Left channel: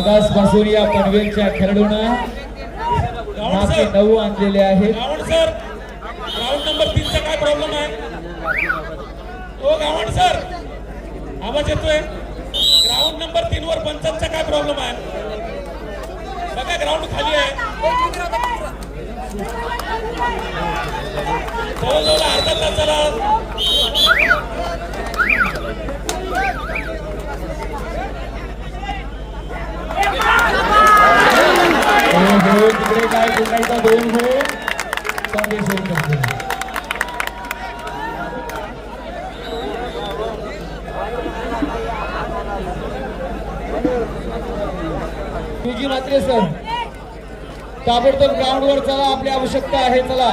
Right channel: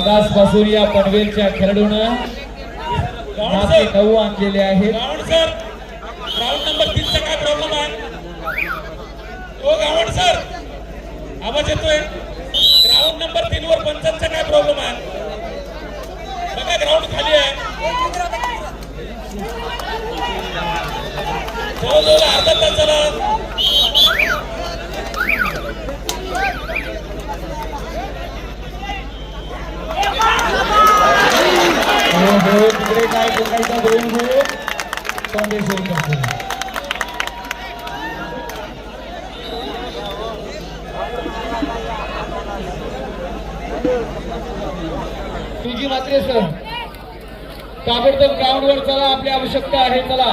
पासून या पनवेलच्या खेळाडूनं मागे नऊ आणलेले आहेत. गावड सर ग्राउंड नंबर तीनचा काय प्रॉब्लेम आहे? ओ गावड सर आवाज येतोय? ग्राउंड नंबर तीन वर पंचांचा काय प्रॉब्लेम आहे? बघा ग्राउंड खाली आहे. जवळजवळ अर्धा तास सर ताबडतोब ग्राउंडवर चला आपली आवश्यकता आहे चला.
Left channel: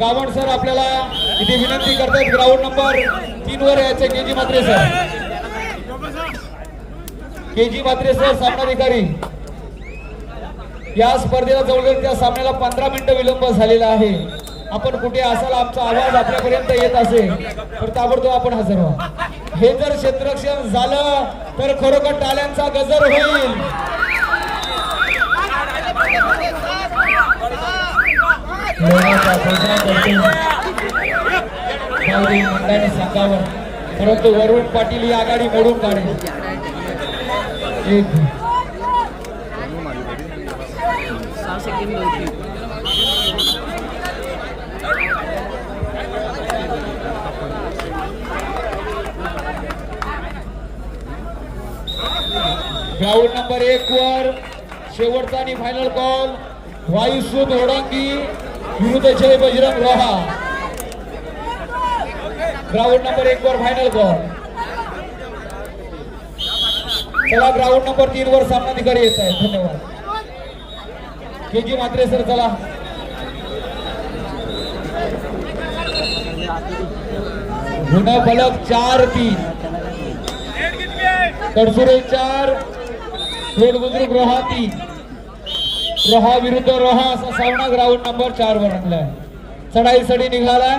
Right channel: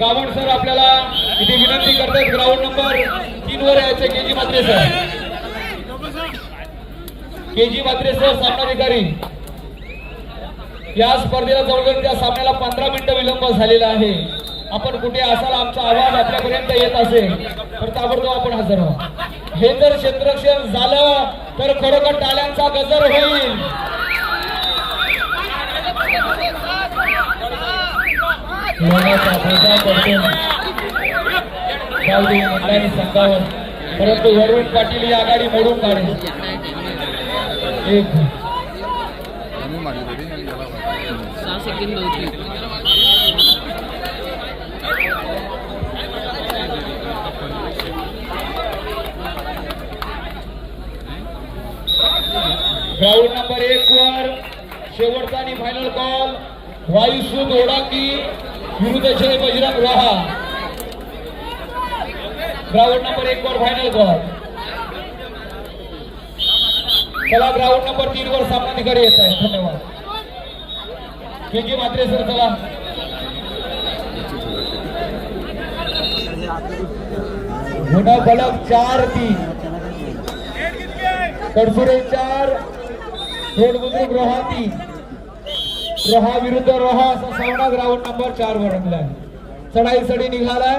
गावण सर आपल्याला इथे विनंती करतात ग्राउंड नंबर तीन वर यायचे के जी मात्रे सर. के जी मात्रे सर सामनाधिकारी. या स्पर्धेला जवळजवळ त्या सामन्याला पंधरा मिनिटं विलंब झालेला आहे. आपण कुठे असाल आमचा आवाज आपल्यापर्यंत येत असेल तर ताबडतोब आपण हजर व्हा हे जर क्षेत्ररक्षण झालं तर खरोखर टाळ्यांचा गजर होईल. सांगावं परंतु वरुण पाटील ही आघाडी मोडून काढली. एक. सहा सेकंद ग्राउंड नंबर एक वर शेवटचा आणि फायनल कॉल वायुसूद ओडांगी विरुद्ध जय बजरंग रहा ग्राउंड नंबर एक वर फायनल कॉल चला ग्राउंड नंबर तीन वर सामनाधिकारी येत आहे. धन्यवाद. के के मात्रे सर चला. होणार फलक चार तीन. तडसुरे चार थेट बुजुर्ग रोहा तीन. रोहा विरुद्ध रोहा असा सामना ग्राउंड नंबर चार वर सढाई सडी निघालाय.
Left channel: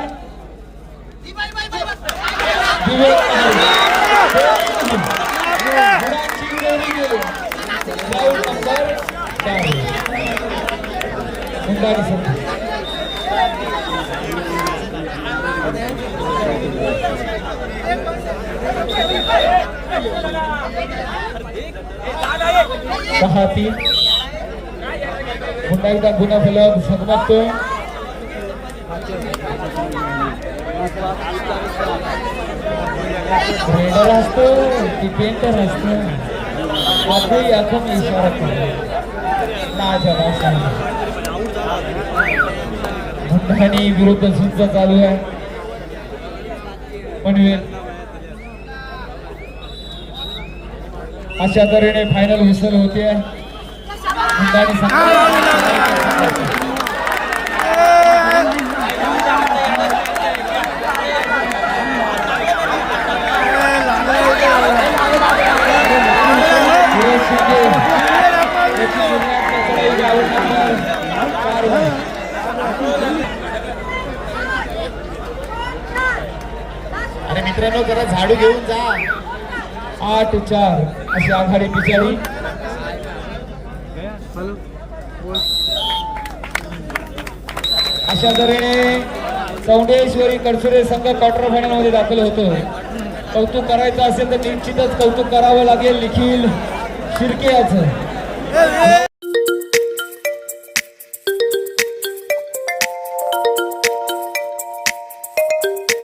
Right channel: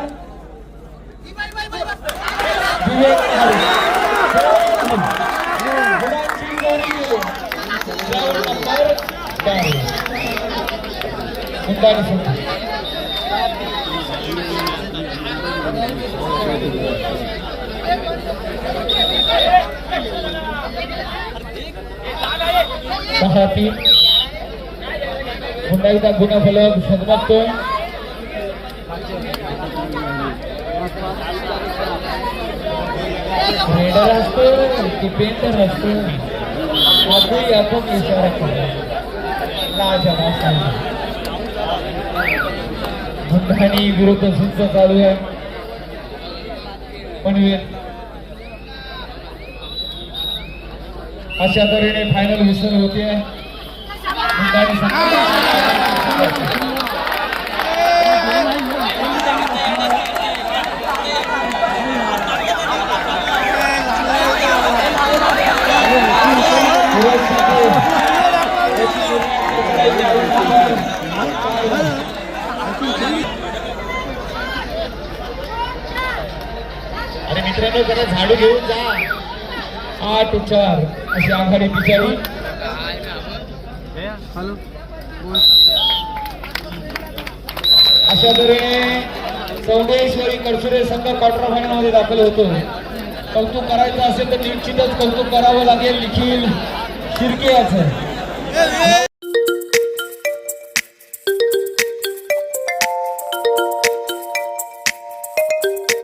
दिवे सहा तीन पुन्हा गुन्हा फलक सदनात रेडर असतो की पेंटर असतो? आपली आपण इशारा केला. माझ्या माणसाने. मुंडाणी विरुद्ध सुद्धा चालू आहे. पनवेल. अशा तऱ्हेने फायनल विसर होते. मित्रांनो जरा झाडू घेऊन जा. आठ चार. अशी आघाडी बिचारी. अशा तऱ्हेने चौडेश्वरी कडसुरे संघ क्वार्टर फायनलमध्ये दाखल होतो. कौतुक करायचं असेल तर निश्चितच कौतुक करावं लागेल निखिल. शिर्के याचं